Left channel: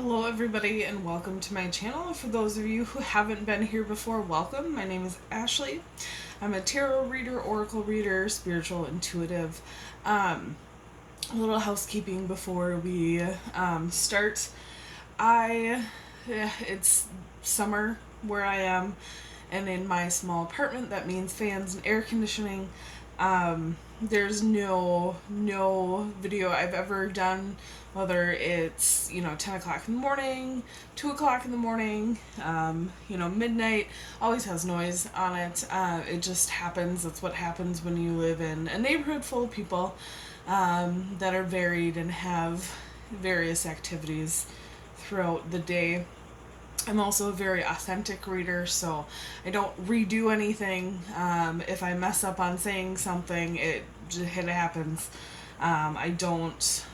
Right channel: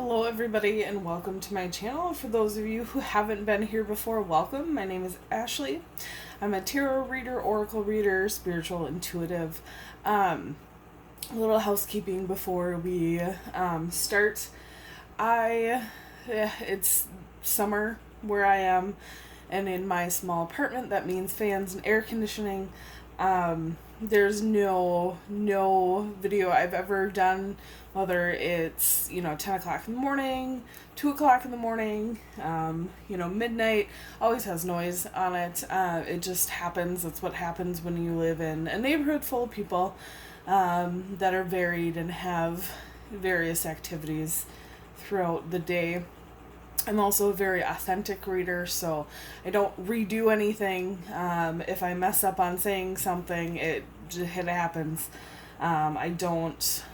Hello everybody and welcome to my channel. For those of you who haven't been here before, welcome. My name is Ashley. I'm a tarot reader, oracle reader, spiritual intuitive. A little housekeeping before we start. It's summer where I am, and in my small apartment that means fans and air conditioning. There's no video I've ever done, whether it's 10 o'clock in the morning, 2 o'clock in the morning, midnight, always has noise on it. It just happens. That's what happens when you live in a neighborhood full of people that are varied and have various activities throughout the day. I'm also a very authentic reader, so I don't redo anything. If I mess up on saying something, it happens. I don't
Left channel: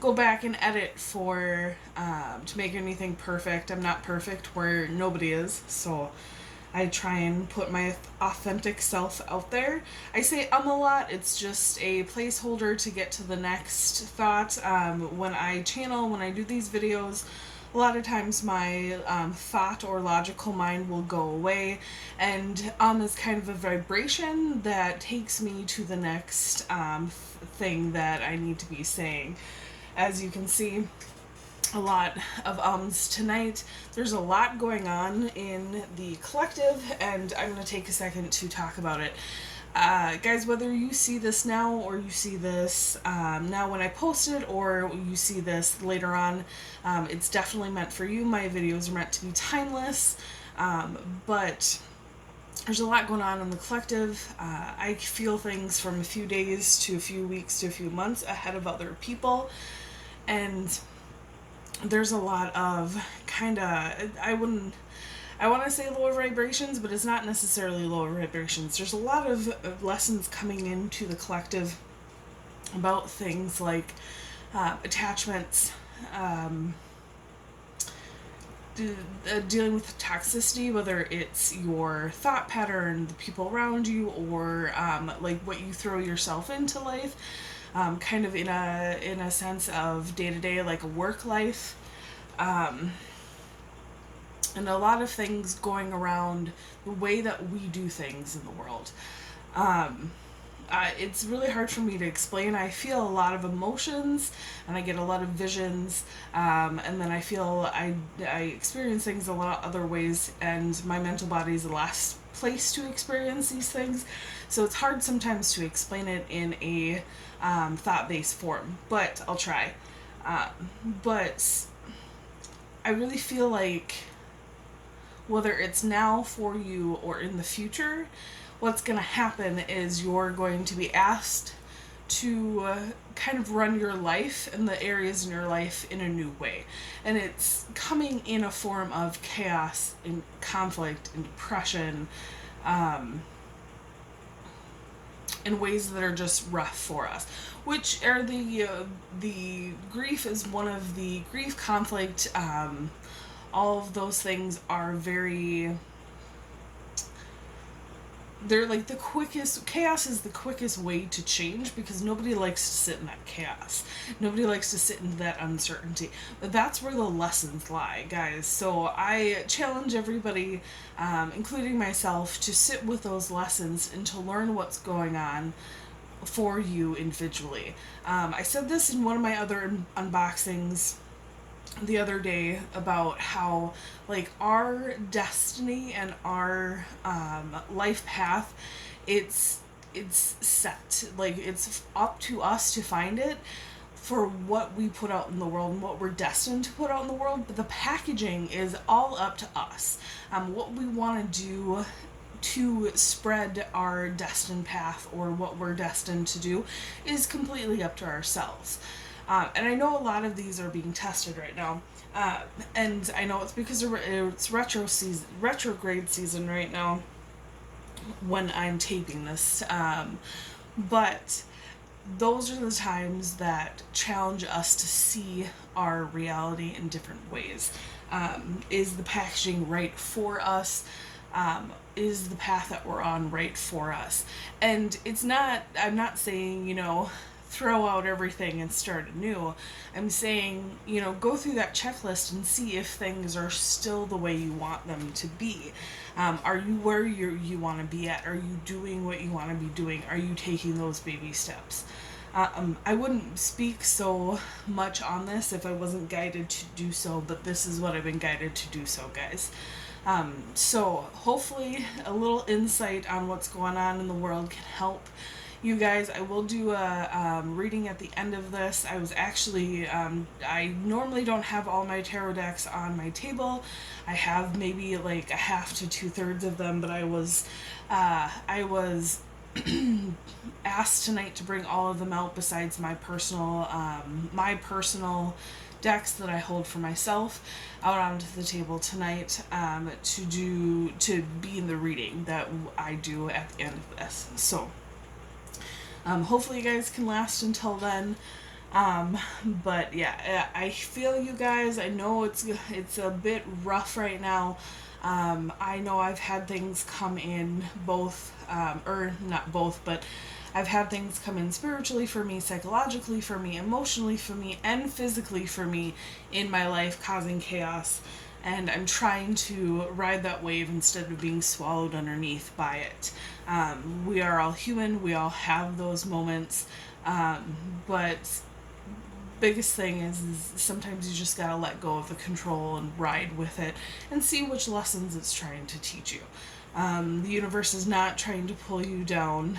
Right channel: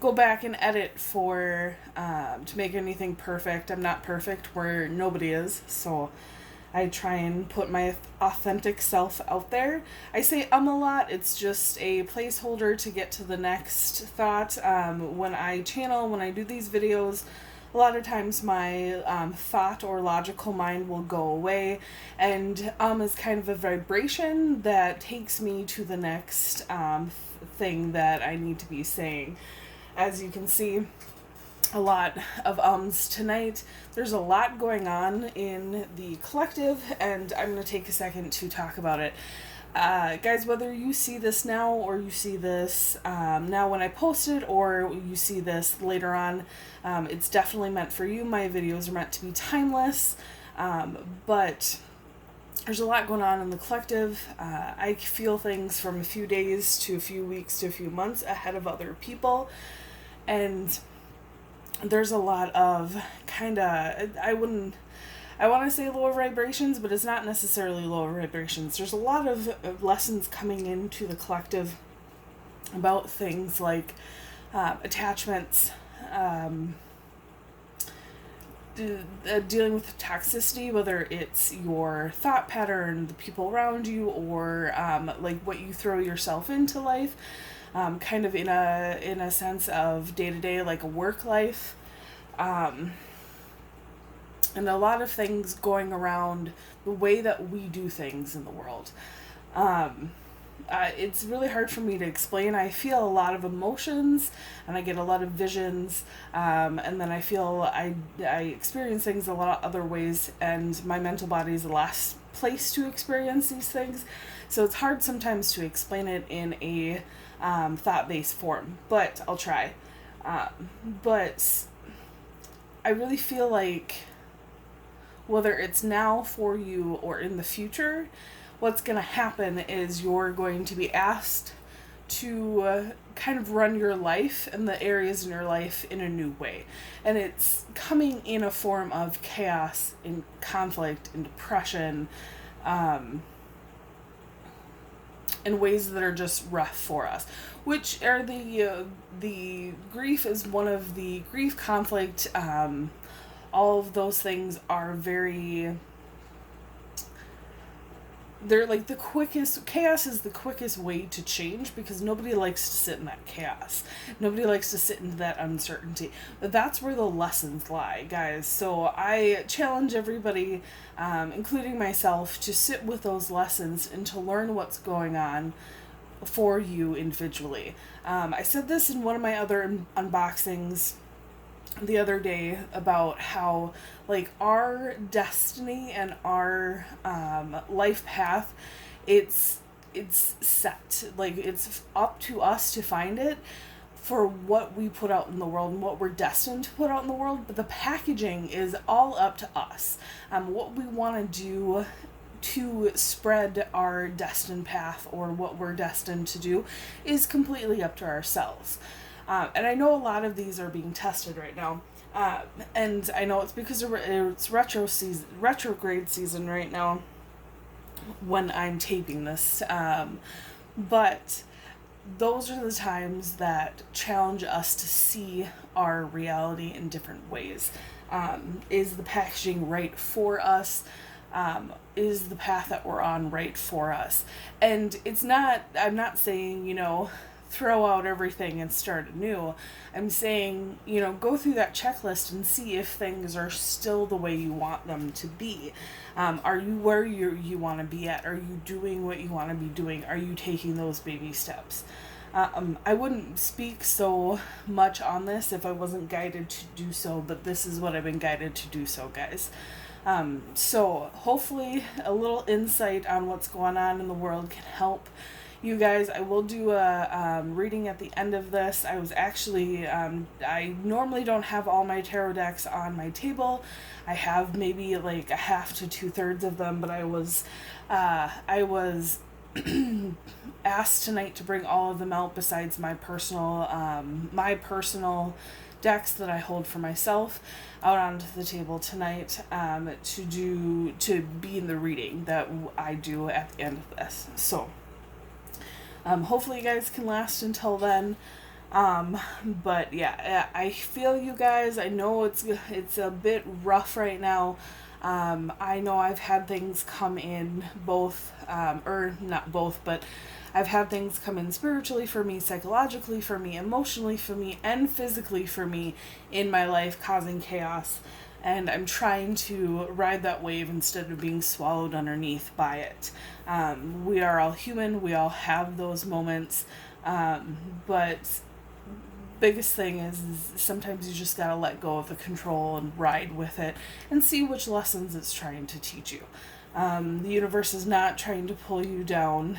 go back and edit for to make anything perfect. I'm not perfect where nobody is, so I try and put my authentic self out there. I say a lot. It's just a placeholder to get to the next thought. When I do these videos, a lot of times my thought or logical mind will go away, and is kind of a vibration that takes me to the next thing that I need to be saying. As you can see, a lot of ums tonight. There's a lot going on in the collective, and I'm going to take a second to talk about it. Guys, whether you see this now or you see this now when I post it, or you see this later on, it's definitely meant for you. My videos are meant to be timeless, but there's a lot going on in the collective. I feel things from a few days to a few weeks to a few months ahead of other people, and there's a lot of I want to say lower vibrations, but it's not necessarily lower vibrations. There's a lot of lessons coming into the collective about things like attachments, dealing with toxicity, whether it's your thought pattern, the people around you, or like what you throw yourself into life. Kind of in a sense of day-to-day, like a work life, and a lot of things going around the way that we do things in the world. It's really hard for me to explain. I feel a lot of emotions, and I get a lot of visions, and then I feel I experience things a lot of other ways, and my mental body is the last place to experience these things, so it's hard sometimes to explain it in a thought-based form, but I'll try. But I really feel like whether it's now for you or in the future, what's going to happen is you're going to be asked to kind of run your life and the areas in your life in a new way. And it's coming in a form of chaos and conflict and depression, in ways that are just rough for us, which are the grief is one of the grief, conflict, all of those things are they're like the quickest. Chaos is the quickest way to change, because nobody likes to sit in that chaos. Nobody likes to sit in that uncertainty. But that's where the lessons lie, guys. So I challenge everybody, including myself, to sit with those lessons and to learn what's going on for you individually. I said this in one of my other unboxings the other day about how, like, our destiny and our life path, it's set. Like, it's up to us to find it for what we put out in the world and what we're destined to put out in the world, but the packaging is all up to us. What we want to do to spread our destined path, or what we're destined to do, is completely up to ourselves. And I know a lot of these are being tested right now. And I know it's because it's retrograde season right now when I'm taping this. But those are the times that challenge us to see our reality in different ways. Is the packaging right for us? Is the path that we're on right for us? And it's not, I'm not saying, throw out everything and start anew. I'm saying, go through that checklist and see if things are still the way you want them to be. Are you where you want to be at? Are you doing what you want to be doing? Are you taking those baby steps? I wouldn't speak so much on this if I wasn't guided to do so, but this is what I've been guided to do so, guys. So hopefully a little insight on what's going on in the world can help you guys. I will do a reading at the end of this. I was actually, I normally don't have all my tarot decks on my table. I have maybe like a half to 2/3 of them, but I was asked tonight to bring all of them out besides my personal decks that I hold for myself out onto the table tonight to be in the reading that I do at the end of this. So hopefully you guys can last until then. But yeah, I feel you guys. I know it's a bit rough right now. I know I've had things come in both, or not both, but I've had things come in spiritually for me, psychologically for me, emotionally for me, and physically for me in my life, causing chaos. And I'm trying to ride that wave instead of being swallowed underneath by it. We are all human. We all have those moments. But biggest thing is sometimes you just gotta let go of the control and ride with it and see which lessons it's trying to teach you. The universe is not trying to pull you down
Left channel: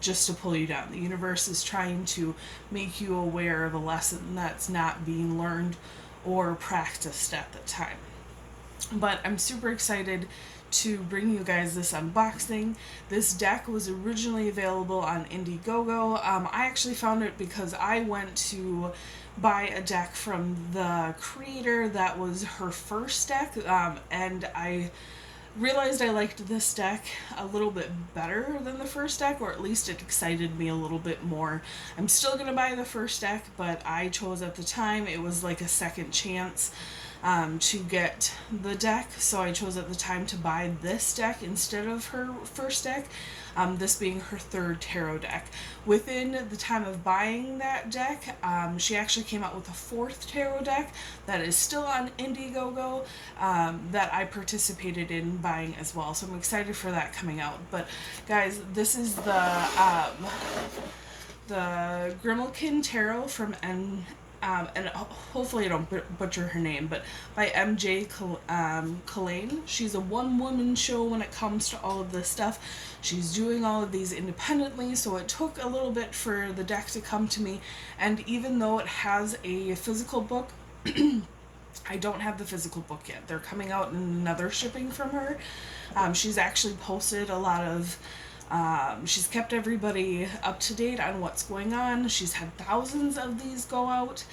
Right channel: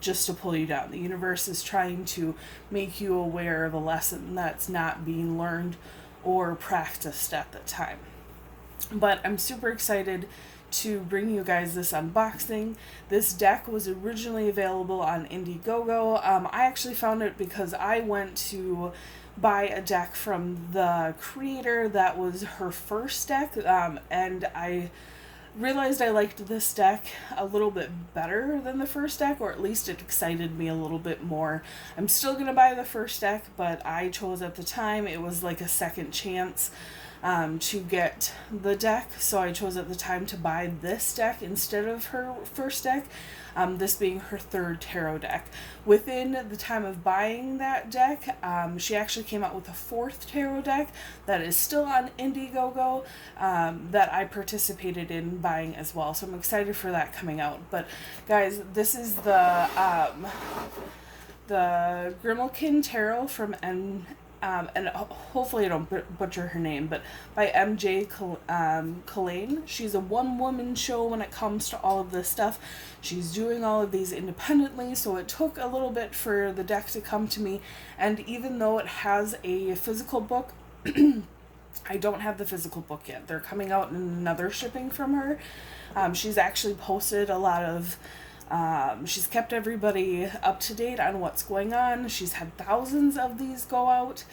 just to pull you down. The universe is trying to make you aware of a lesson that's not being learned or practiced at the time. But I'm super excited to bring you guys this unboxing. This deck was originally available on Indiegogo. I actually found it because I went to buy a deck from the creator that was her first deck, and I realized I liked this deck a little bit better than the first deck, or at least it excited me a little bit more. I'm still going to buy the first deck, but I chose at the time, it was like a second chance to get the deck, so I chose at the time to buy this deck instead of her first deck, this being her third tarot deck. Within the time of buying that deck, she actually came out with a fourth tarot deck that is still on Indiegogo that I participated in buying as well, so I'm excited for that coming out. But guys, this is the Grimalkin Tarot from and hopefully I don't butcher her name, but by MJ Cullinane. She's a one-woman show when it comes to all of this stuff. She's doing all of these independently, so it took a little bit for the deck to come to me, and even though it has a physical book, I don't have the physical book yet. They're coming out in another shipping from her. She's actually posted a lot of she's kept everybody up to date on what's going on. She's had thousands of these go out.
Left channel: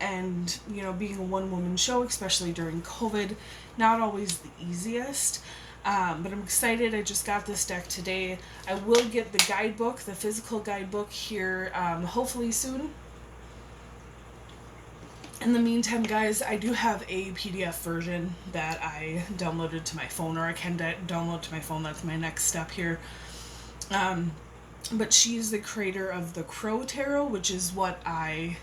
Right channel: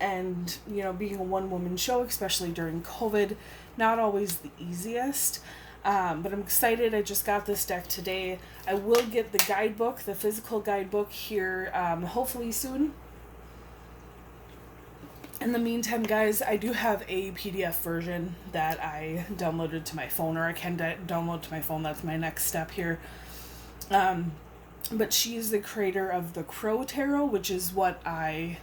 And, being a one-woman show, especially during COVID, not always the easiest. But I'm excited. I just got this deck today. I will get the guidebook, the physical guidebook here, hopefully soon. In the meantime, guys, I do have a PDF version that I downloaded to my phone, or I can download to my phone. That's my next step here. But she's the creator of the Crow Tarot, which is what I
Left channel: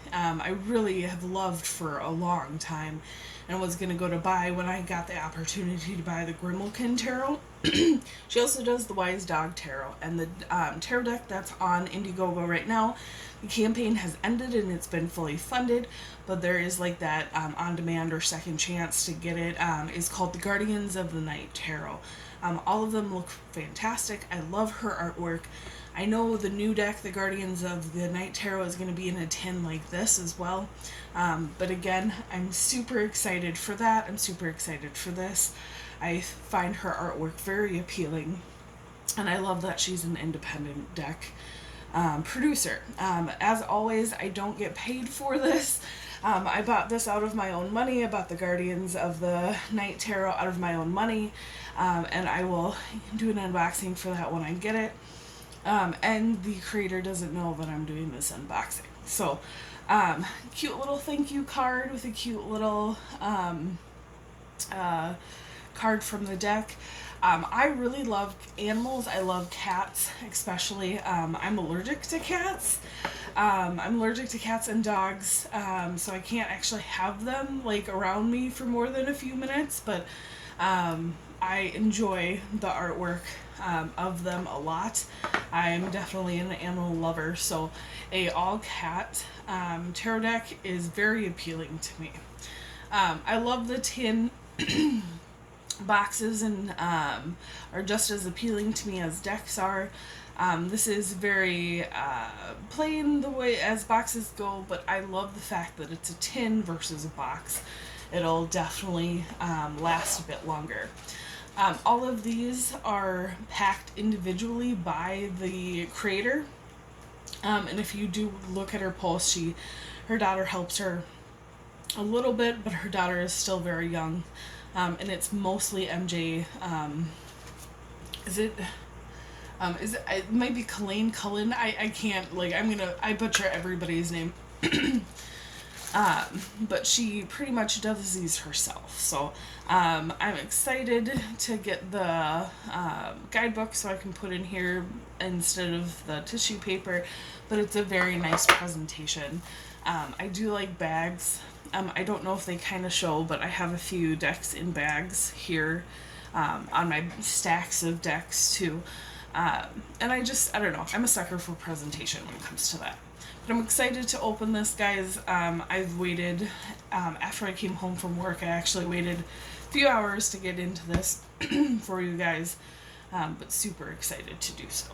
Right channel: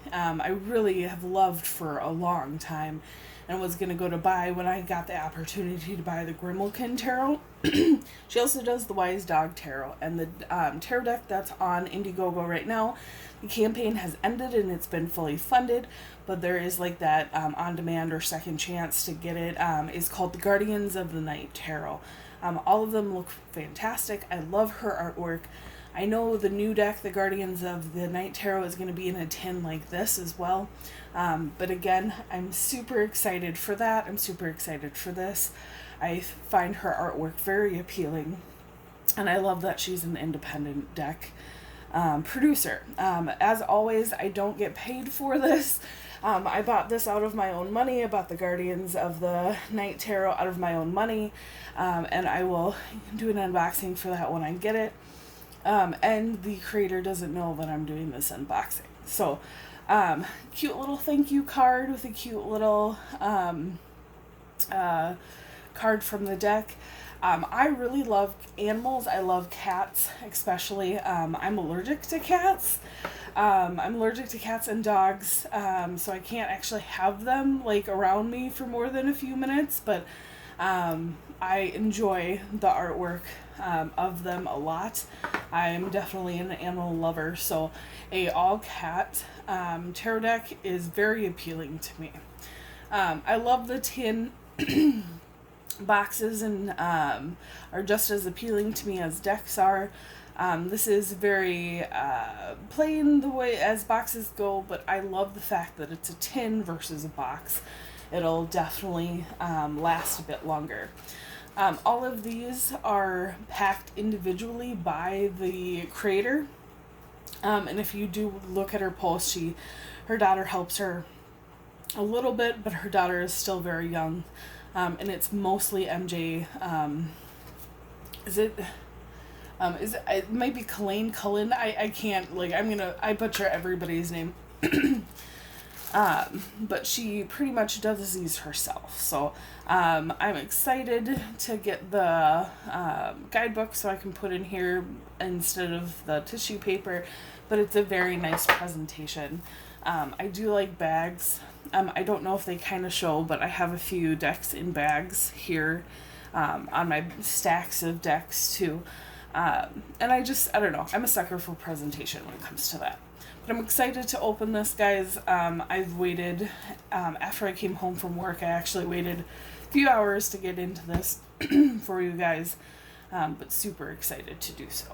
really have loved for a long time, and was going to go to buy when I got the opportunity to buy the Grimalkin Tarot. She also does the Wise Dog Tarot, and the tarot deck that's on Indiegogo right now. The campaign has ended and it's been fully funded, but there is like that on-demand or second chance to get it. Is called the Guardians of the Night Tarot. All of them look fantastic. I love her artwork. I know the new deck, the Guardians of the Night Tarot, is going to be in a tin like this as well. But again, I'm super excited for that. I'm super excited for this. I find her artwork very appealing, and I love that she's an independent deck producer. As always, I don't get paid for this. I bought this out of my own money. I bought the Guardians of the Night Tarot out of my own money, and I will do an unboxing for that when I get it. And the creator doesn't know that I'm doing this unboxing. So, cute little thank you card with a cute little card from the deck. I really love animals. I love cats, especially. I'm allergic to cats. I'm allergic to cats and dogs, so I can't actually have them like around me for more than a few minutes. But I enjoy the artwork of them a lot. I'm definitely an animal lover, so a all cat tarot deck is very appealing to me. I love the tin boxes and are just as appealing to me as decks are. This is very plain the way as boxes go, but I love the fact that it's a tin versus a box. It'll definitely last a bit longer. All of these are packed individually by the creator. And if you do look at her post, her daughter helps her a little bit, but her daughter is still very young. And it's mostly MJ. It might be Cullinane. I can't, like, I butcher everybody's name. But she pretty much does these herself. So I'm excited to get the guidebook so I can put in here instead of the tissue paper. But it's a very nice presentation. I do like bags. I don't know if they kind of show, but I have a few decks in bags here on my stacks of decks too. And I don't know. I'm a sucker for presentation when it comes to that. But I'm excited to open this, guys. I've waited, after I came home from work, I actually waited a few hours to get into this for you guys. But super excited to do so.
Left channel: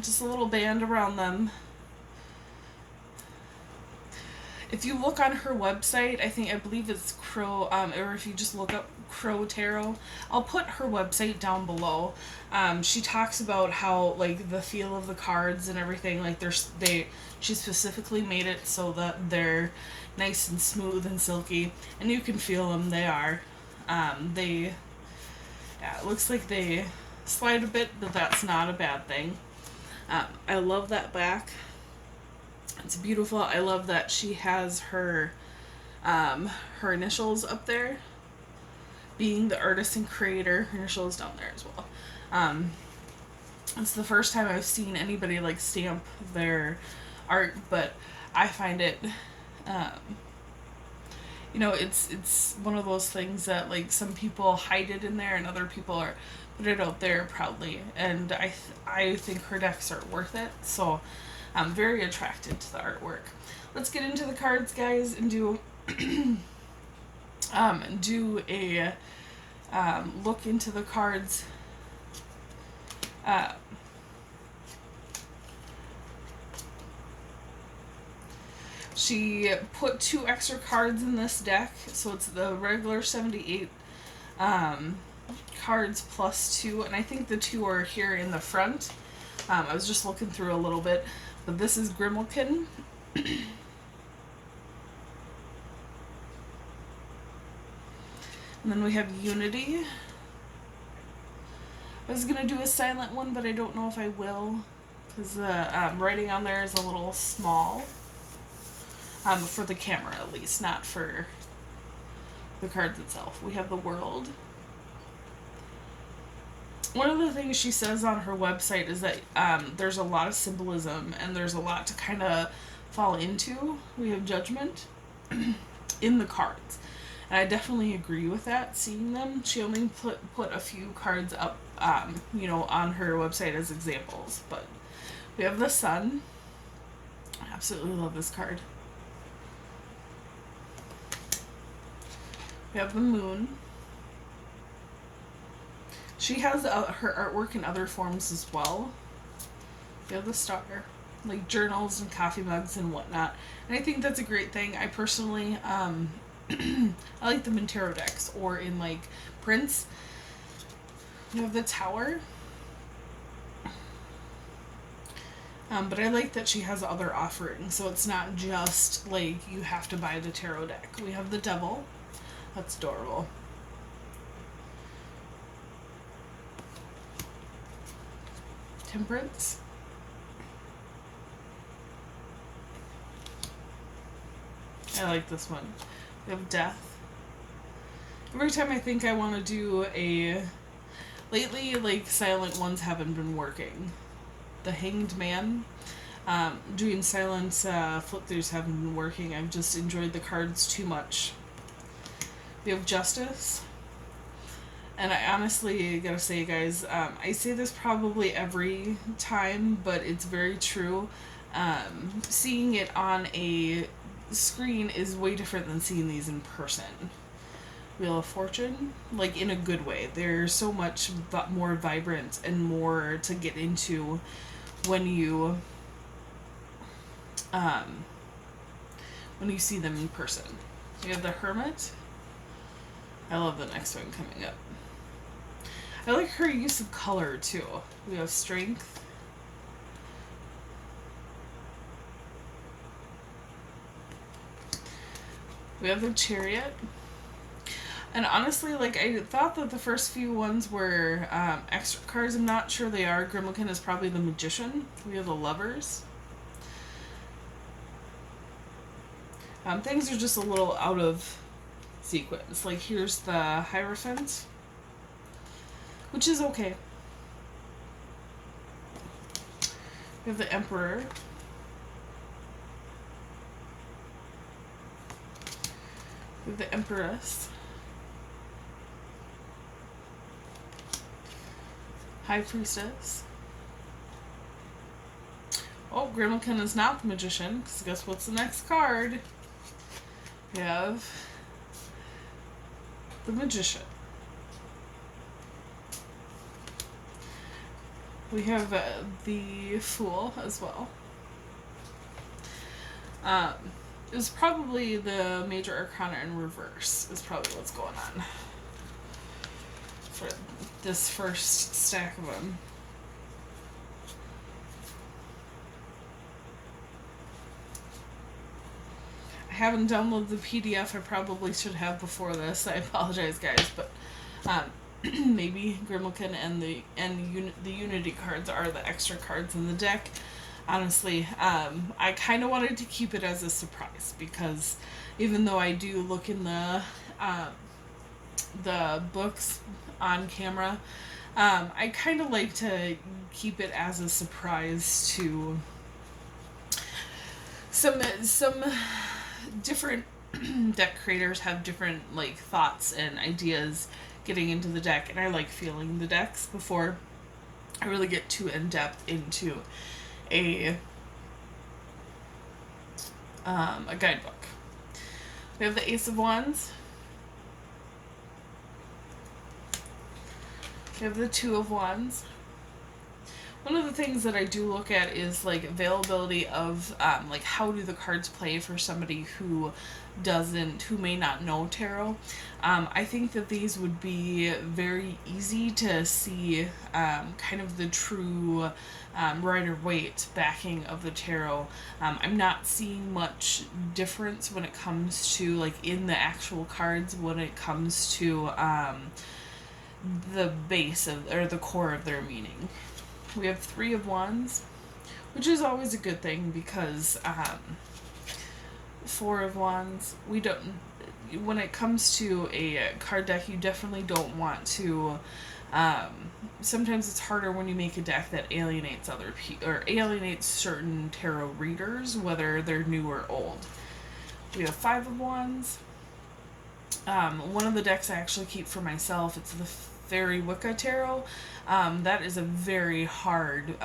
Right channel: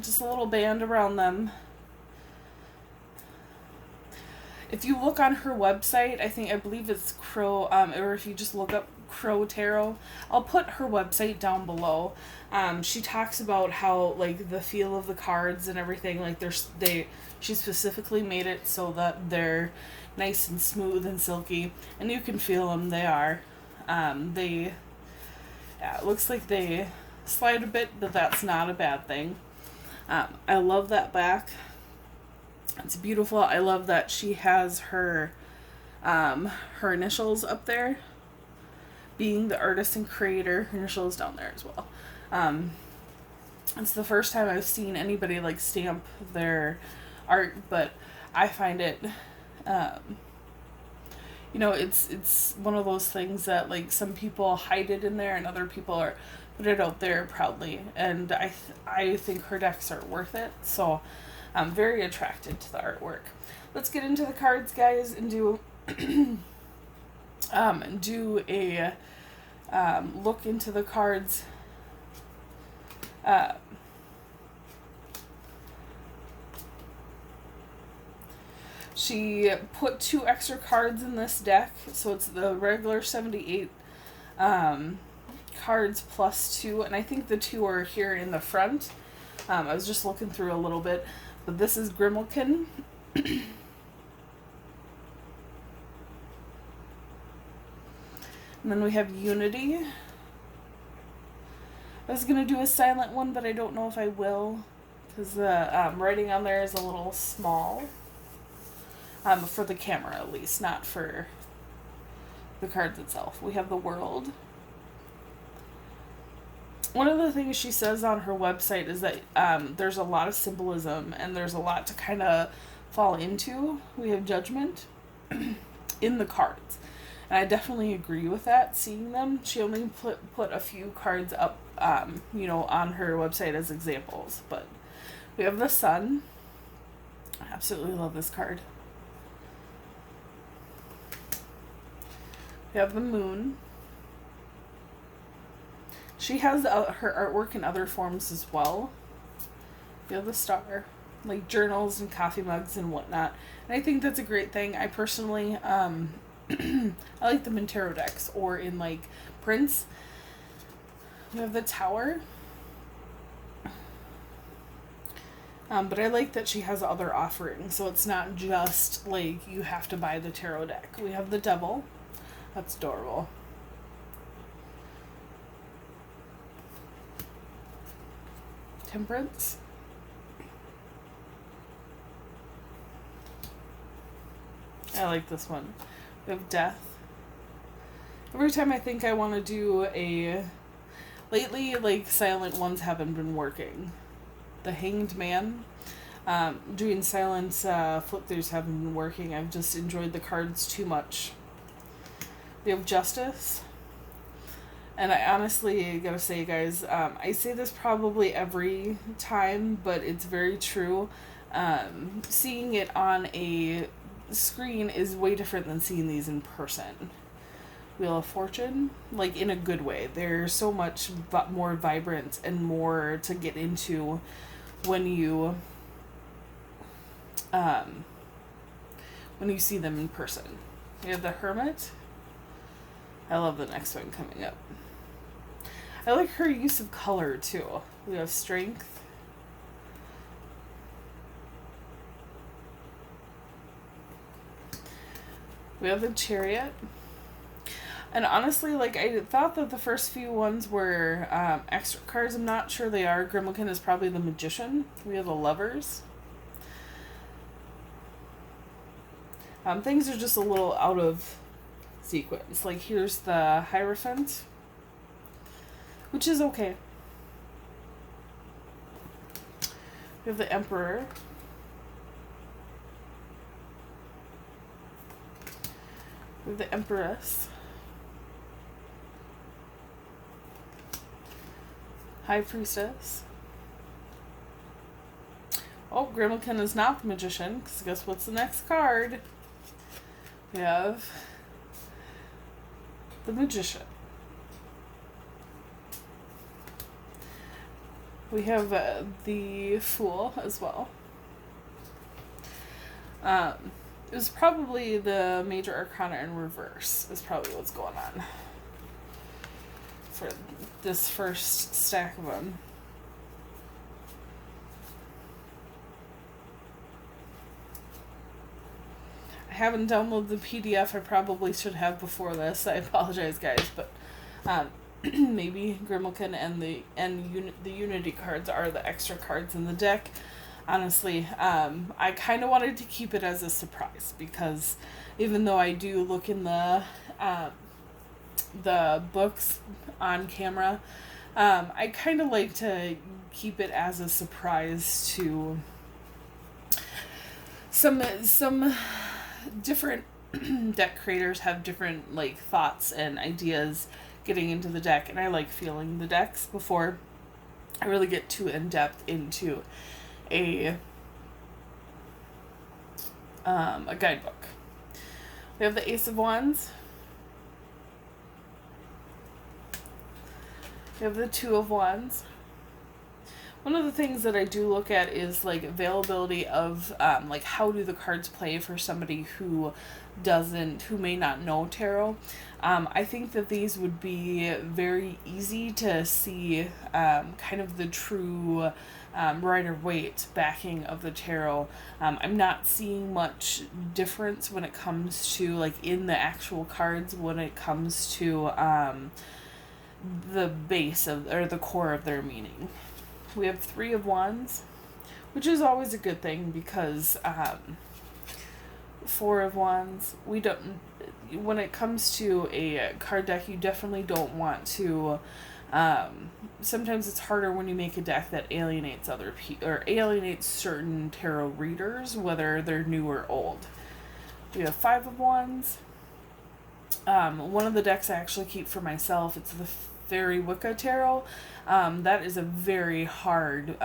Just a little band around them. If you look on her website, I believe it's Crow, or if you just look up Crow Tarot, I'll put her website down below. She talks about how, like, the feel of the cards and everything, like, she specifically made it so that they're nice and smooth and silky, and you can feel them. They are. It looks like they slide a bit, but that's not a bad thing. I love that back. It's beautiful. I love that she has her initials up there. Being the artist and creator, her initials down there as well. It's the first time I've seen anybody like stamp their art, but I find it, it's one of those things that, like, some people hide it in there and other people put it out there proudly, and I think her decks are worth it. So I'm very attracted to the artwork. Let's get into the cards, guys, and do a look into the cards. She put 2 extra cards in this deck, so it's the regular 78 cards plus 2, and I think the 2 are here in the front. I was just looking through a little bit, but this is Grimalkin. And then we have Unity. I was going to do a silent one, but I don't know if I will, because the writing on there is a little small. For the camera, at least, not for the cards itself. We have the World. One of the things she says on her website is that there's a lot of symbolism and there's a lot to kind of fall into. We have Judgment in the cards. And I definitely agree with that, seeing them. She only put a few cards up, on her website as examples. But we have the Sun. I absolutely love this card. We have the Moon. She has her artwork in other forms as well. We have the Star, like journals and coffee mugs and whatnot. And I think that's a great thing. I personally, I like them in tarot decks or in like prints. We have the Tower. But I like that she has other offerings, so it's not just like you have to buy the tarot deck. We have the Devil. That's adorable. Temperance. I like this one. We have Death. Every time I think I want to do a... Lately, like, silent ones haven't been working. The Hanged Man, doing silent flip-throughs haven't been working. I've just enjoyed the cards too much. We have Justice. And I honestly gotta say, guys, I say this probably every time, but it's very true. Seeing it on a screen is way different than seeing these in person. Wheel of Fortune, like in a good way. They're so much more vibrant and more to get into when you see them in person. We have the Hermit. I love the next one coming up. I like her use of color too. We have Strength. We have the Chariot. And honestly, like, I thought that the first few ones were extra cards. I'm not sure they are. Grimalkin is probably the Magician. We have the Lovers. Things are just a little out of sequence. Like, here's the Hierophant, which is okay. We have the Emperor. We have the Empress. High Priestess. Oh, Grimalkin is not the Magician, because guess what's the next card? We have the Magician. We have the Fool as well. It was probably the Major Arcana in reverse, is probably what's going on for this first stack of them. I haven't downloaded the PDF. I probably should have before this. I apologize, guys, but maybe Grimalkin and the Unity cards are the extra cards in the deck. Honestly, I kind of wanted to keep it as a surprise, because even though I do look in the books on camera, I kind of like to keep it as a surprise to some different deck creators have different like thoughts and ideas getting into the deck, and I like feeling the decks before I really get too in depth into a guidebook. We have the Ace of Wands. We have the Two of Wands. One of the things that I do look at is like availability of like how do the cards play for somebody who may not know tarot. I think that these would be very easy to see kind of the true Rider-Waite backing of the tarot. I'm not seeing much difference when it comes to like in the actual cards when it comes to the base of or the core of their meaning. We have Three of Wands, which is always a good thing because Four of Wands, we don't, when it comes to a card deck, you definitely don't want to, sometimes it's harder when you make a deck that alienates other people, or alienates certain tarot readers, whether they're new or old. We have Five of Wands. One of the decks I actually keep for myself, it's the Fairy Wicca Tarot. That is a very hard,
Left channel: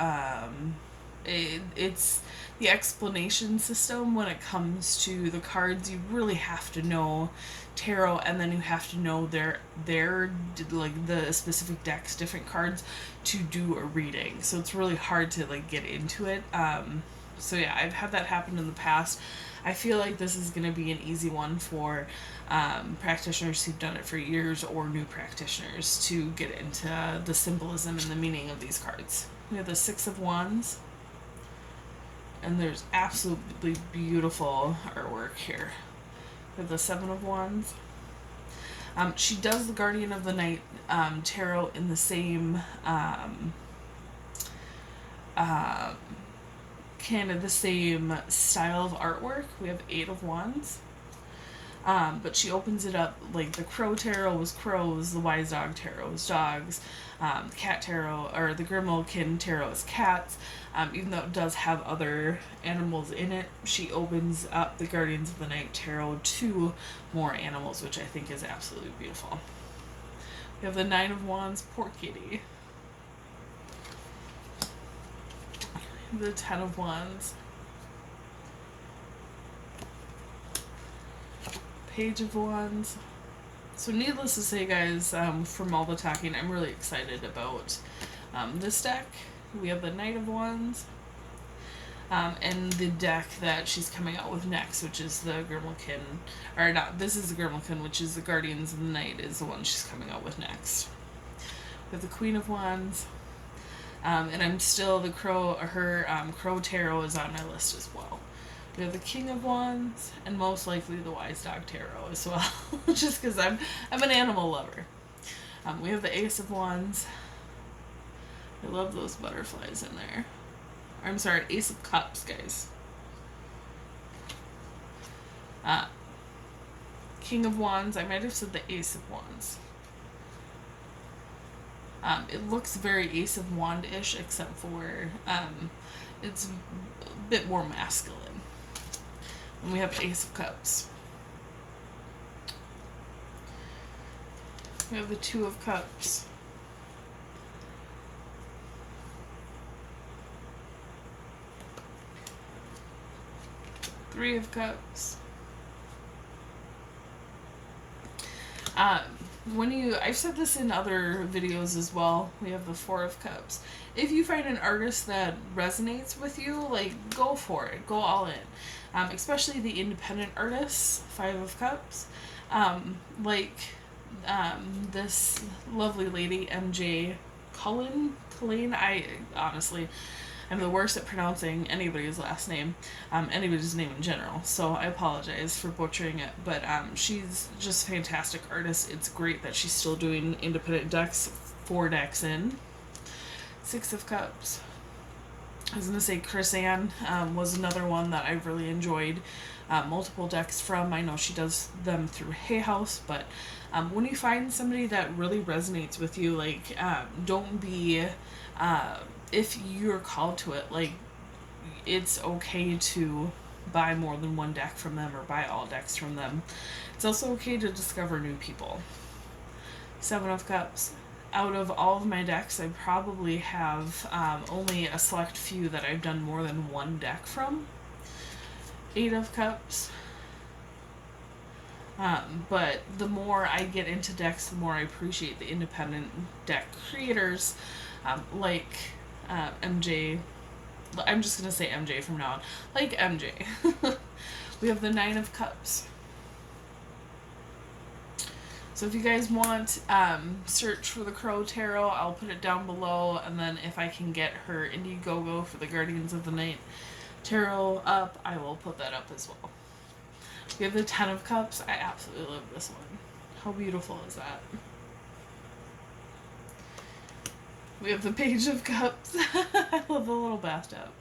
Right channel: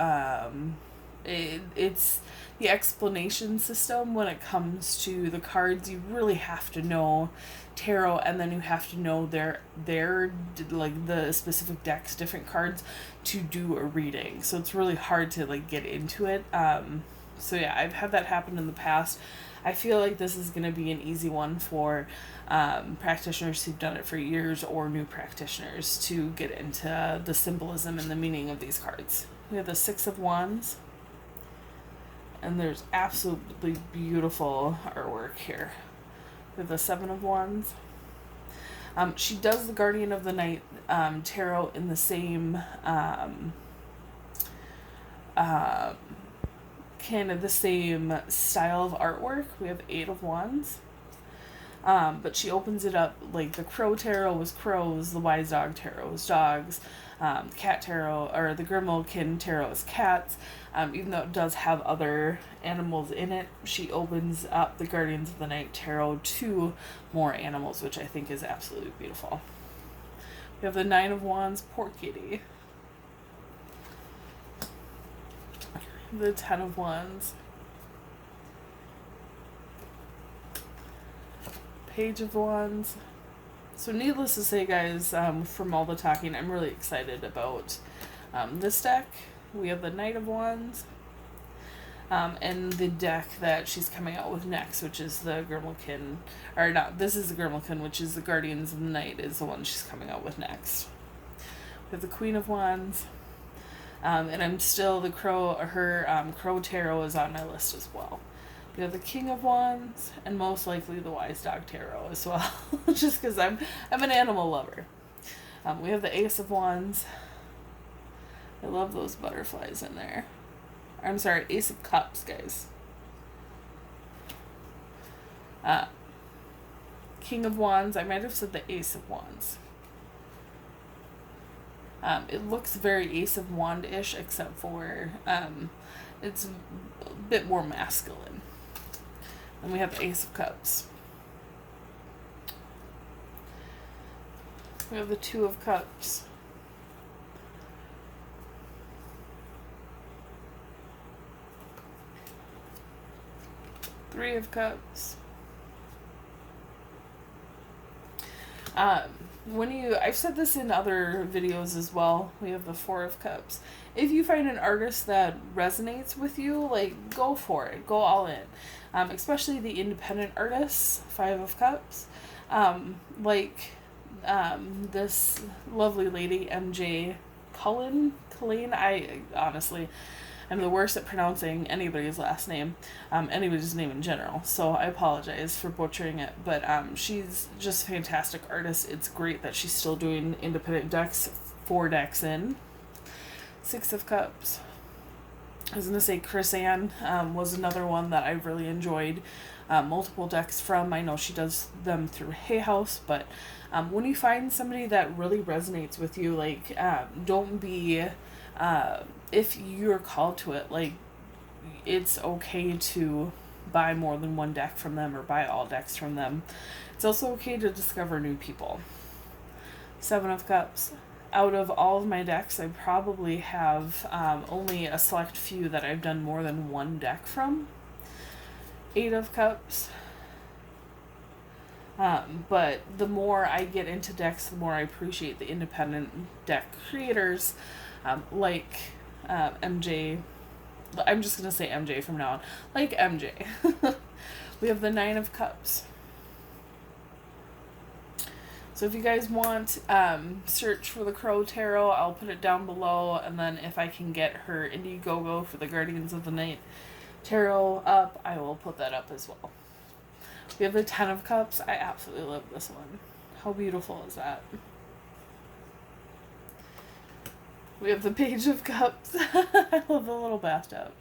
it's the explanation system when it comes to the cards. You really have to know tarot, and then you have to know their like the specific decks, different cards to do a reading. So it's really hard to like get into it. So yeah, I've had that happen in the past. I feel like this is going to be an easy one for practitioners who've done it for years or new practitioners to get into the symbolism and the meaning of these cards. We have the Six of Wands, and there's absolutely beautiful artwork here. We have the Seven of Wands. She does the Guardian of the Night tarot in the same kind of the same style of artwork. We have Eight of Wands. But she opens it up, like the Crow Tarot was crows, the Wise Dog Tarot was dogs, the Cat Tarot, or the Grimalkin Tarot is cats. Even though it does have other animals in it, she opens up the Guardians of the Night Tarot to more animals, which I think is absolutely beautiful. We have the Nine of Wands, poor kitty. The Ten of Wands. Page of Wands. So needless to say, guys, from all the talking, I'm really excited about this deck. We have the Knight of Wands, and the deck that she's coming out with next, which is the Grimalkin, or not, this is the Grimalkin, which is the Guardians of the Night, is the one she's coming out with next. We have the Queen of Wands, and I'm still the Crow, her Crow Tarot is on my list as well. We have the King of Wands, and most likely the Wise Dog Tarot as well, just because I'm an animal lover. We have the Ace of Wands. I love those butterflies in there. I'm sorry, Ace of Cups, guys. King of Wands. I might have said the Ace of Wands. It looks very Ace of Wand-ish, except for it's a bit more masculine. And we have Ace of Cups. We have the Two of Cups. Three of Cups. I've said this in other videos as well, we have the Four of Cups. If you find an artist that resonates with you, like, go for it, go all in. Especially the independent artists, Five of Cups. This lovely lady, MJ Cullinane. I'm the worst at pronouncing anybody's last name, anybody's name in general, so I apologize for butchering it, but she's just a fantastic artist. It's great that she's still doing independent decks, 4 decks in. Six of Cups. I was going to say Chris Ann was another one that I really enjoyed multiple decks from. I know she does them through Hay House, but when you find somebody that really resonates with you, like, don't be... if you're called to it, like, it's okay to buy more than one deck from them or buy all decks from them. It's also okay to discover new people. Seven of Cups. Out of all of my decks, I probably have only a select few that I've done more than one deck from. Eight of Cups. But the more I get into decks, the more I appreciate the independent deck creators, like MJ. I'm just going to say MJ from now on. Like MJ. We have the Nine of Cups. So if you guys want, search for the Crow Tarot. I'll put it down below. And then if I can get her Indiegogo for the Guardians of the Night Tarot up, I will put that up as well. We have the Ten of Cups. I absolutely love this one. How beautiful is that? We have the Page of Cups. I love the little bathtub.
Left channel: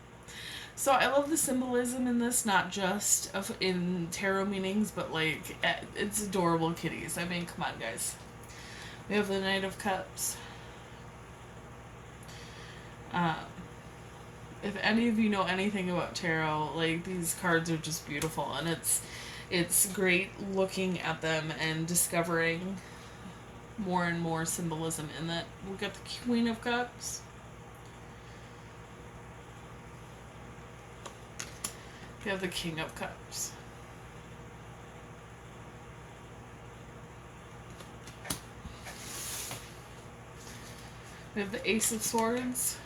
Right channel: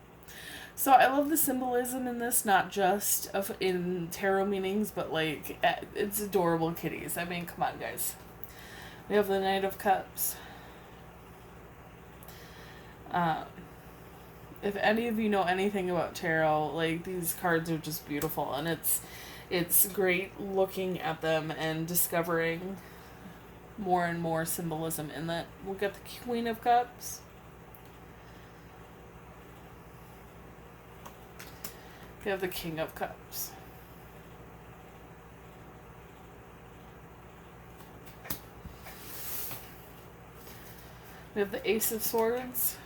So I love the symbolism in this, not just in tarot meanings, but like, it's adorable kitties. I mean, come on, guys. We have the Knight of Cups. If any of you know anything about tarot, like, these cards are just beautiful, and it's great looking at them and discovering more and more symbolism in that. We'll get the Queen of Cups. We have the King of Cups. We have the Ace of Swords.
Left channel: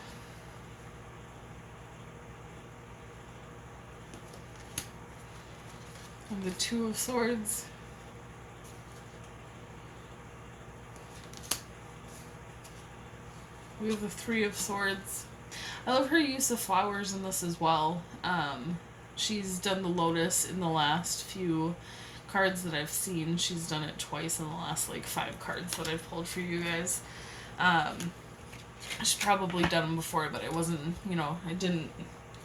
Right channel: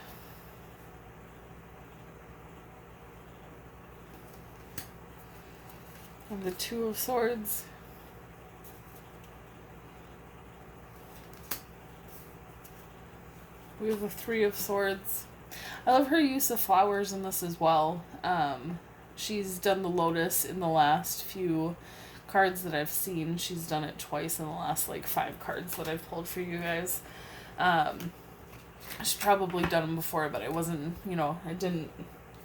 And the Two of Swords. We have the Three of Swords. I love her use of flowers in this as well. She's done the Lotus in the last few cards that I've seen. She's done it twice in the last, like, 5 cards that I've pulled for you guys. She's probably done them before, but I wasn't, I didn't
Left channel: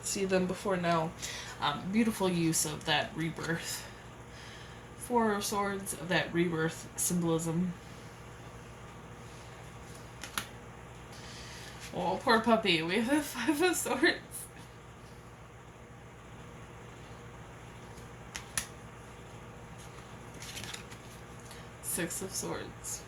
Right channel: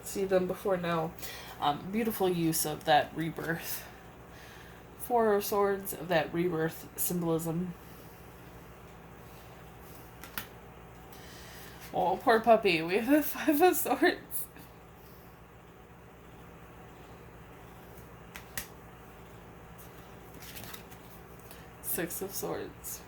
see them before now. Beautiful use of that rebirth Four of Swords, that rebirth symbolism. Oh, poor puppy. We have a Five of Swords. Six of Swords.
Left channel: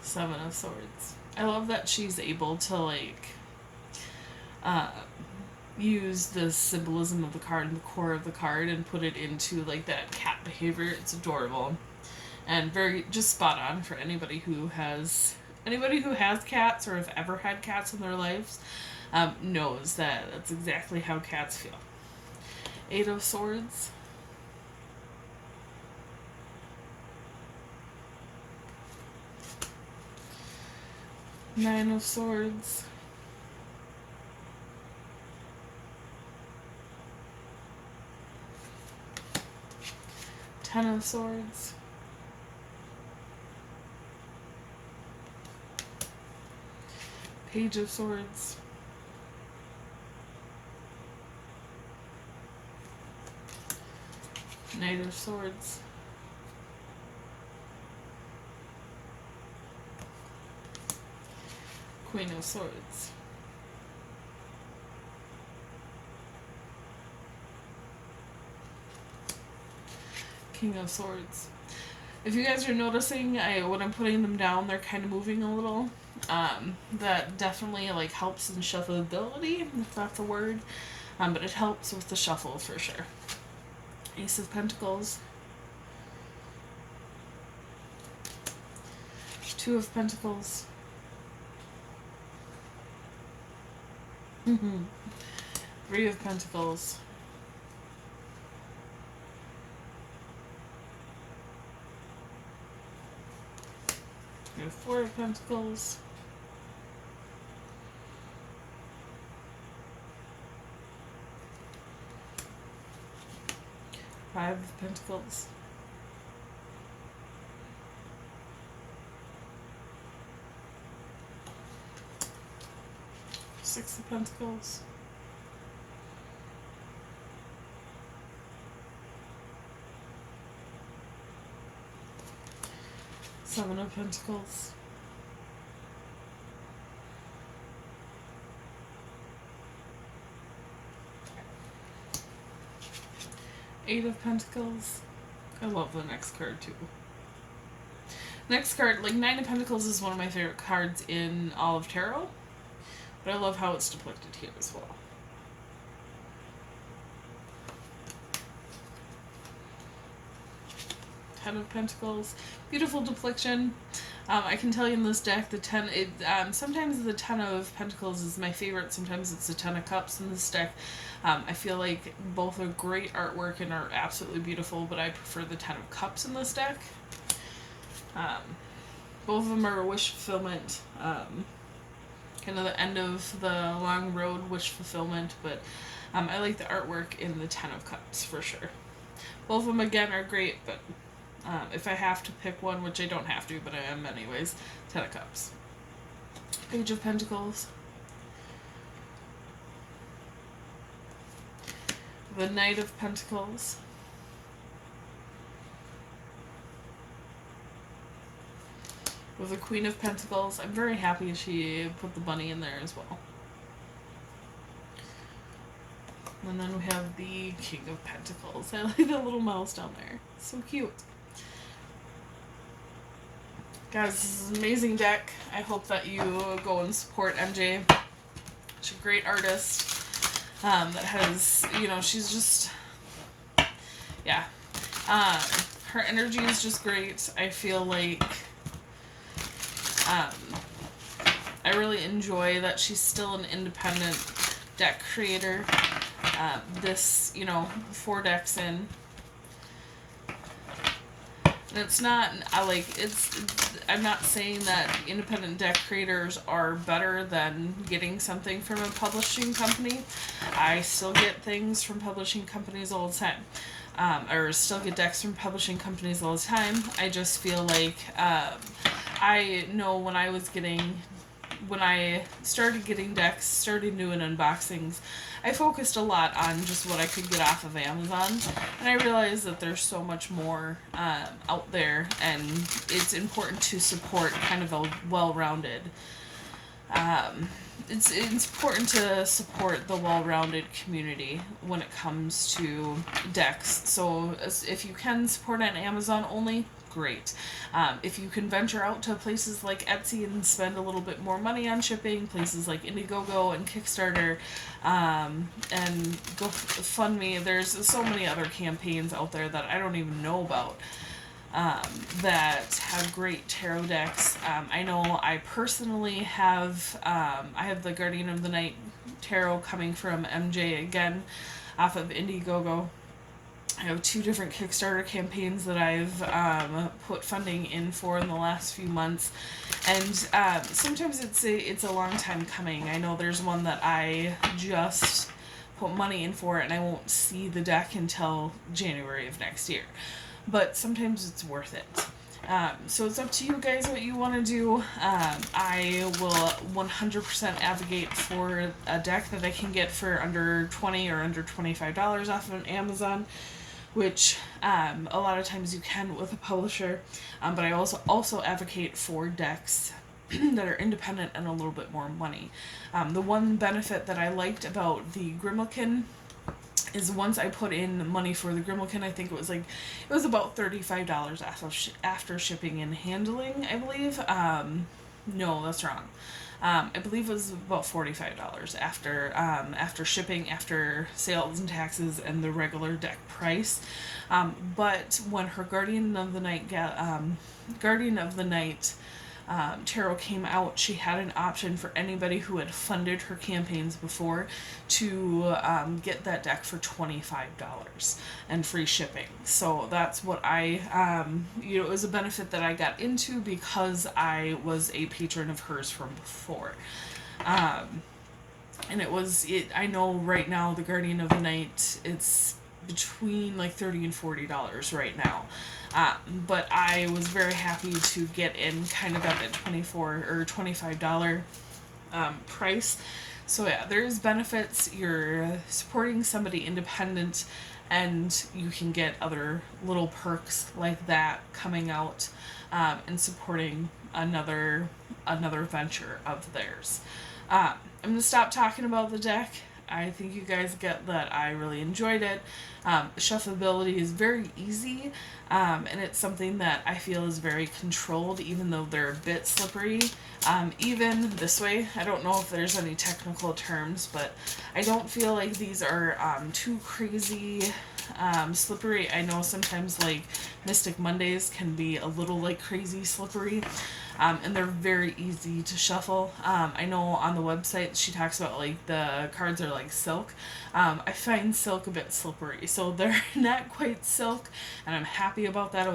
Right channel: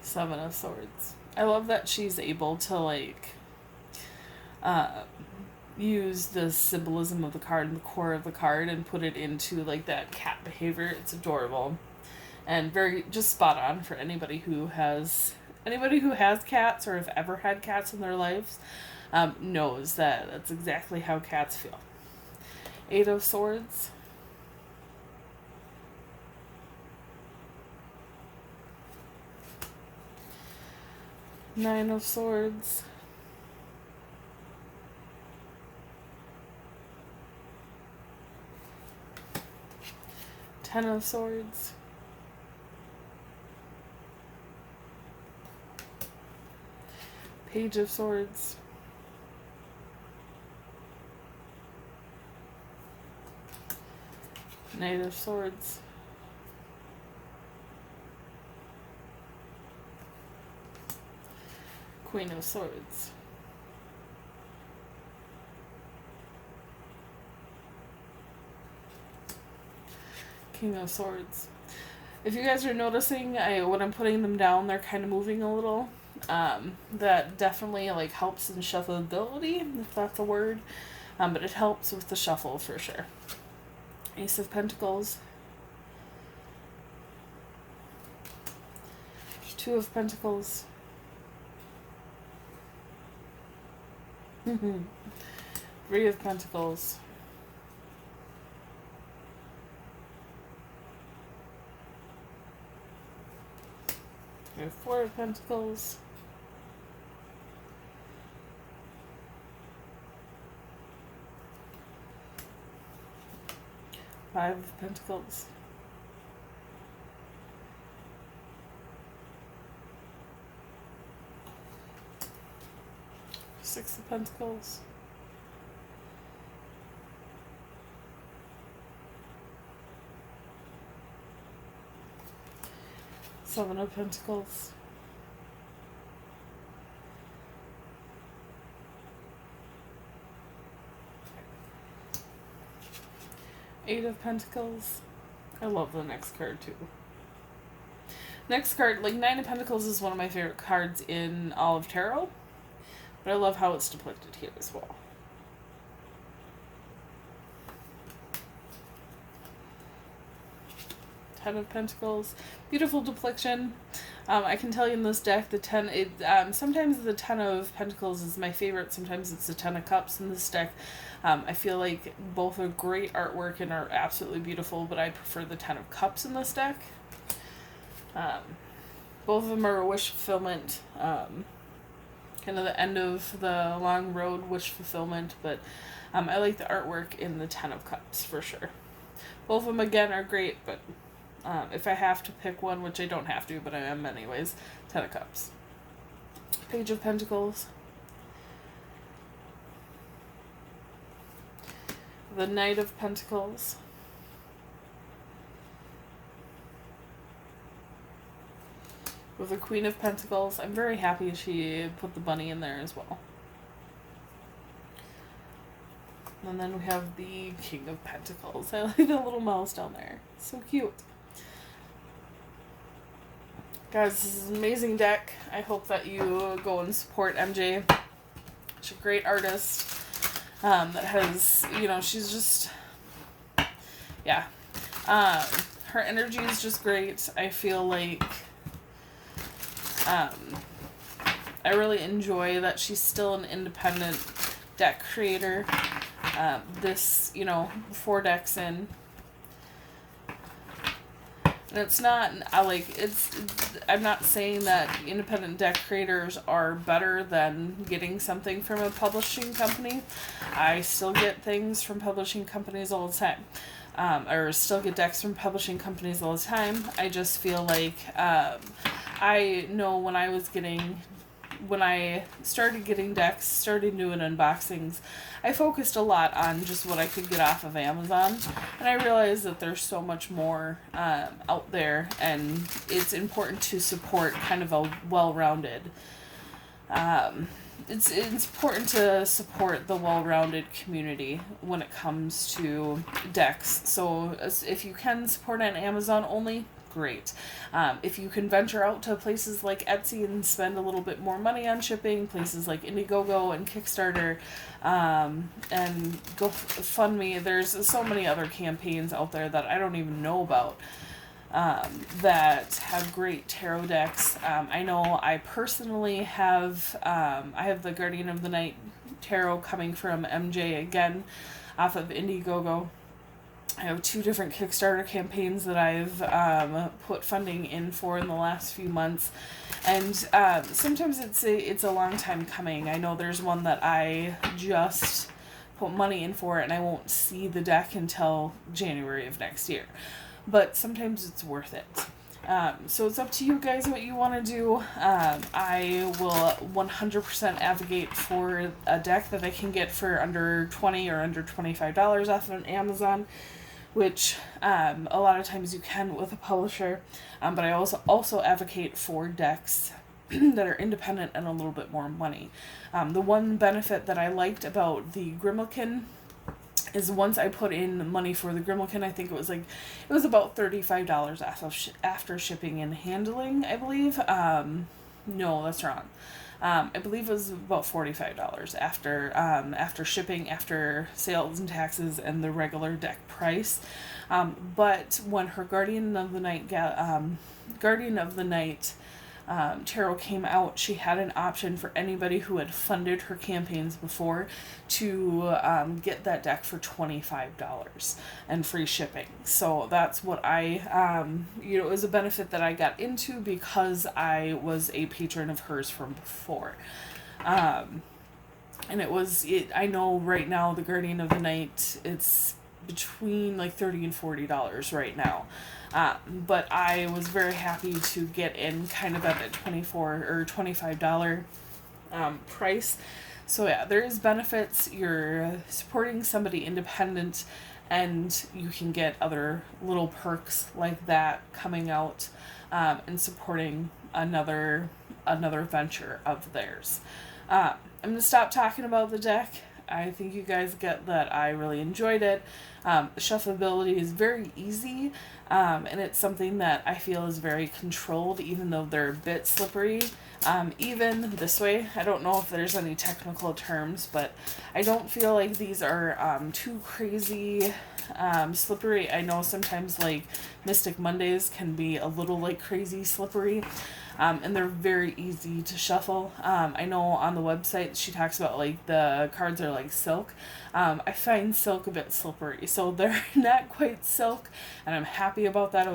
Seven of Swords. I love that she's able to, like, use the symbolism of the card and the core of the card and put it into, like, that cat behavior. It's adorable. And very, just spot on for anybody who has cats or have ever had cats in their lives, knows that that's exactly how cats feel. Eight of Swords. Nine of Swords. Ten of Swords. Page of Swords. Knight of Swords. Queen of Swords. King of Swords. If you guys are noticing, when I'm putting them down, they're kind of moving a little. That definitely, like, helps in shuffleability, if that's a word. But it helps with the shuffle for sure. Ace of Pentacles. Two of Pentacles. Three of Pentacles. We have Four of Pentacles. Five of Pentacles. Six of Pentacles. Seven of Pentacles. Eight of Pentacles. I love the next card too. Next card, like, Nine of Pentacles is one of my favorite cards in all of Tarot. But I love how it's depicted here as well. Ten of Pentacles. Beautiful depiction. I can tell you in this deck, sometimes the Ten of Pentacles is my favorite. Sometimes it's the Ten of Cups in this deck. I feel like both are great artwork and are absolutely beautiful, but I prefer the Ten of Cups in this deck. Both of them are a wish fulfillment. Kind of the end of the long road wish fulfillment, but I like the artwork in the Ten of Cups for sure. Both of them, again, are great, but if I have to pick one, which I don't have to, but I am anyways, Ten of Cups. Page of Pentacles. The Knight of Pentacles. With the Queen of Pentacles. I'm very happy she put the bunny in there as well. And then we have the King of Pentacles. I like the little mouse down there. So cute. Guys, this is an amazing deck. I hope that you go and support MJ. She's a great artist. That has, she's just, yeah. Her energy is just great. I feel like, I really enjoy that she's still an independent deck creator. This, 4 decks in. And it's not, I'm not saying that independent deck creators are better than getting something from a publishing company. I still get things from publishing companies all the time. Or still get decks from publishing companies all the time. I just feel like, I know when I was getting, when I started getting decks, started doing unboxings, I focused a lot on just what I could get off of Amazon, and I realized that there's so much more out there, and it's important to support kind of a well-rounded. It's important to support the well-rounded community when it comes to decks. So if you can support on Amazon only, great. If you can venture out to places like Etsy and spend a little bit more money on shipping, places like Indiegogo and Kickstarter, and GoFundMe, there's so many other campaigns out there that I don't even know about. That have great tarot decks. I know I personally have I have the Guardian of the Night tarot coming from MJ again off of Indiegogo. I have 2 different Kickstarter campaigns that I've put funding in for in the last few months, and sometimes it's a long time coming. I know there's one that I just put money in for, and I won't see the deck until January of next year. But sometimes it's worth it. So it's up to you guys what you want to do. I will 100% advocate for a deck that I can get for under $20 or under $25 off of Amazon, which a lot of times you can with a publisher. But I also advocate for decks that are independent and a little bit more money. The one benefit that I liked about the Grimalkin is once I put in money for the Grimalkin, I think it was about $35 after shipping and handling, I believe. No, that's wrong. I believe it was about $45 after shipping, after sales and taxes, and the regular deck price. But when her Guardian of the Night tarot came out, she had an option for anybody who had funded her campaigns before to get that deck for $25 and free shipping. So that's what it was a benefit that I got into because I was a patron of hers from before. And I know right now the Guardian of the Night, it's between like $30 and $40 right now. But I was very happy to get in kind of at the $24 or $25 price. So yeah, there's benefits. You're supporting somebody independent, and you can get other little perks like that coming out, and supporting another venture of theirs. I'm going to stop talking about the deck. I think you guys get that I really enjoyed it. Shuffleability is very easy, and it's something that I feel is very controlled, even though they're a bit slippery. Even this way, I don't know if there's any technical terms, but I don't feel like these are too crazy slippery. I know sometimes like Mystic Mondays can be a little like crazy slippery. And they're very easy to shuffle. I know on the website she talks about like the cards are like silk. I find silk a bit slippery, so they're not quite silk, and I'm happy about that.